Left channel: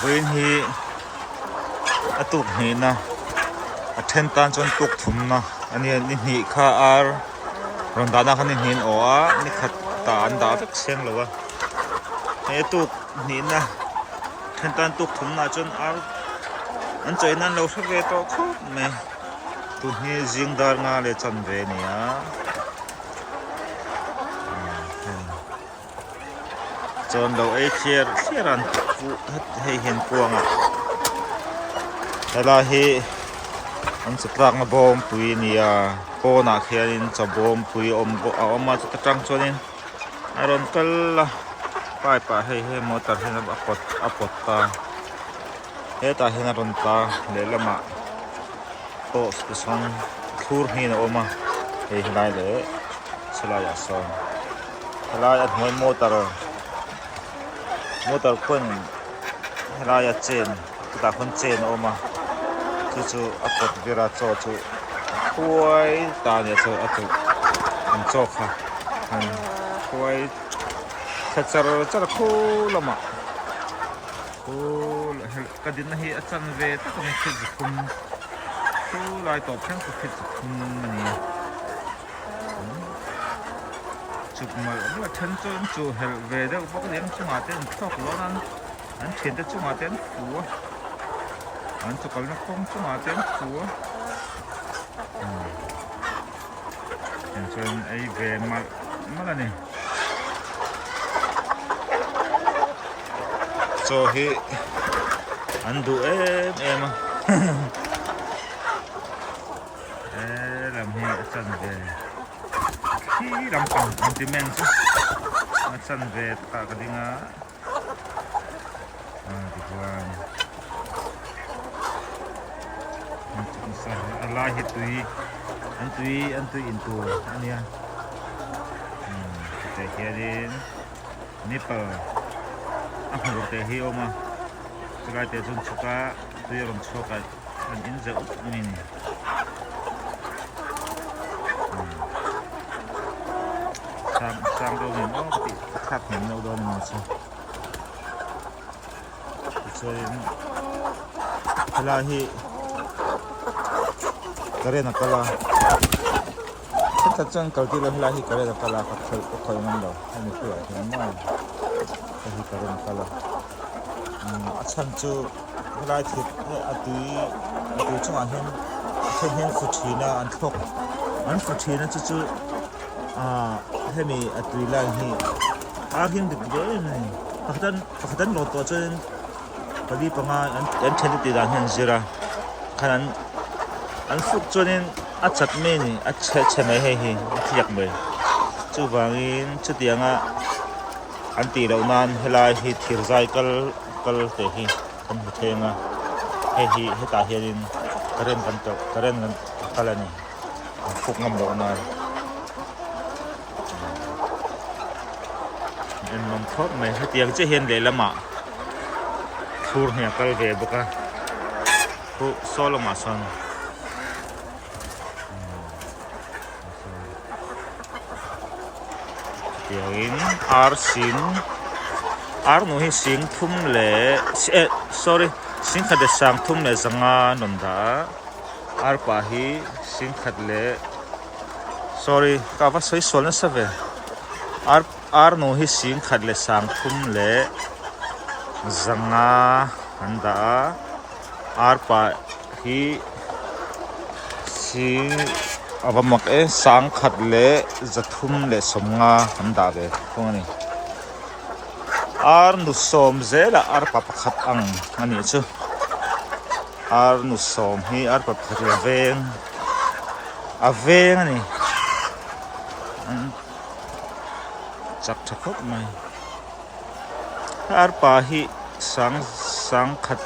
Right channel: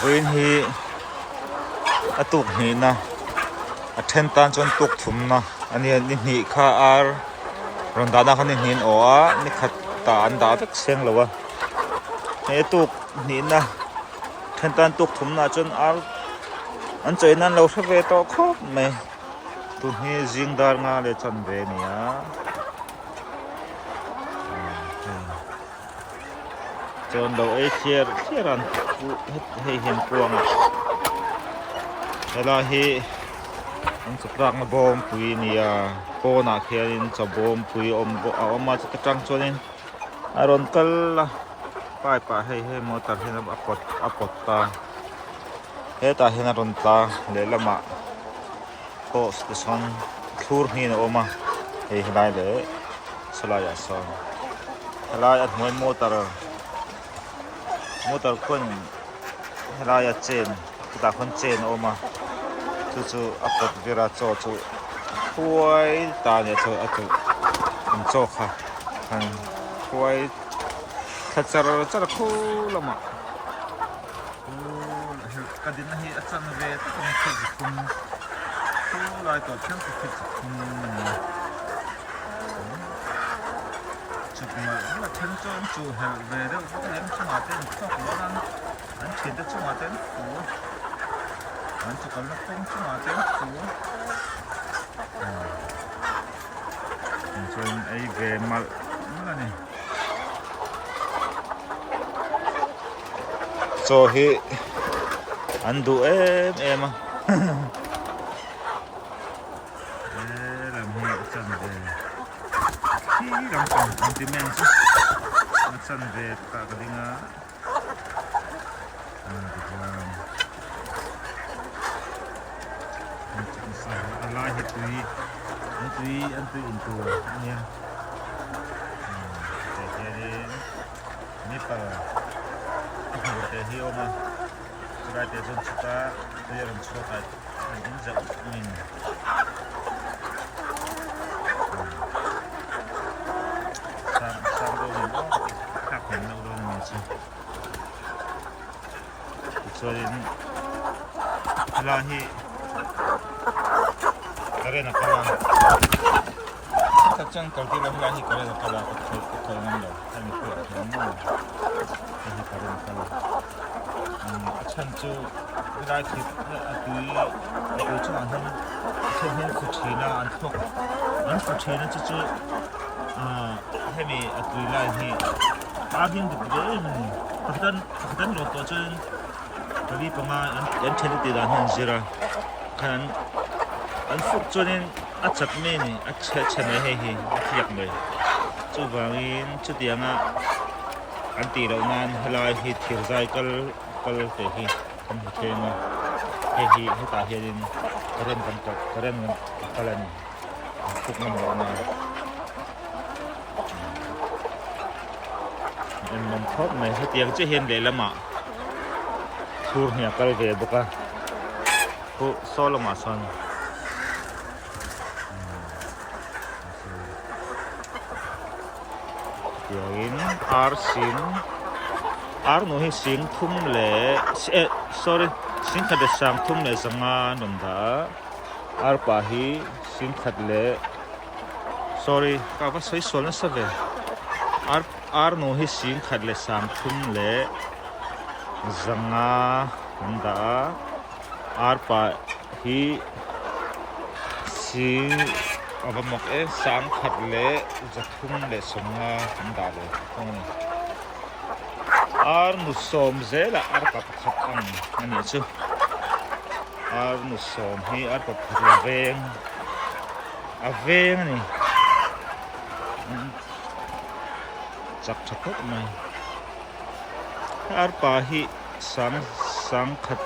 Vin hi atuk ni na athen tan chon tuk thum na ani ni kha ar rondana khan hin oa ni khat ta an da tak seng lawa he tuk ni na then tan tuk thum na chon ar an choi nan lo thave to khop me tu hi jingdar nga le chan ve ni a chon lo e chiran he hin puanga ela hi an chaprak na bom pui ni a po na khianin cha bom pui om ma cha tang chonin aron kal pai pa he motor he na apot ta he ta he na ron ta le lama po station thur ni na oma he lai le salaya son halaya moi motor kon halaya chen ta kon chen oma chu apot vera cho chu huai ta ne chu atu an cho kha an huai khachar char khu lama o kadin hi achan ve ta kan chi khum khu lai to chen chi khum ni chuk ma la chan chon chu hel ve de ba ka lem chu ma ten thok lo nan an chen de chu ma ten ku an chu kal na khum chu ma ten ku chon ai ve mal la ni so hi an du em làm hi chân về khi làm cầm antimen chứ chân về cả cái đinh á thì qua chân sai Allah hi tui into anh ya thì cái đi Nepal aku bertehi oma sebagai tesun suka dia orang suka ini jauh ini sang dulu ni tak ni dulu masa kecuali lahi keren kalau kita ceng kalau kita lahi keren kalau kalau ni lo ini kalau ini keren kalau chân chu lai thịt atui chu an hen fu chui na an fu chui na chu hemi atui lai hi agim de de ni pakatan lo to chen bagi panga an chen de dan hen zira kan an fu chunin a chat me ni a che na he hi thiak me chu wangin chu tianga an ti lo nan helai hi thir zai kal te hi kan thenga he ta hian karen kan kalani fuk ngam lo na en nom thop mai hatiang che hian le lama thur hnia kal ve boka ko soloma son tiangin ar no hi sing thum le sing khat de sang thum le zanga nonda ar pa hi sing khat le ka va soi sol na save ar no hi sing khat le sang thum le zanga anda ar pa hi sing abamak sang khat le zathum le somnga anda be phone ar nu som zela ar pa pakhat ang ani chu ar nu som hi ar pa phria aveng ani chak thakop mai ar pa hi sang khat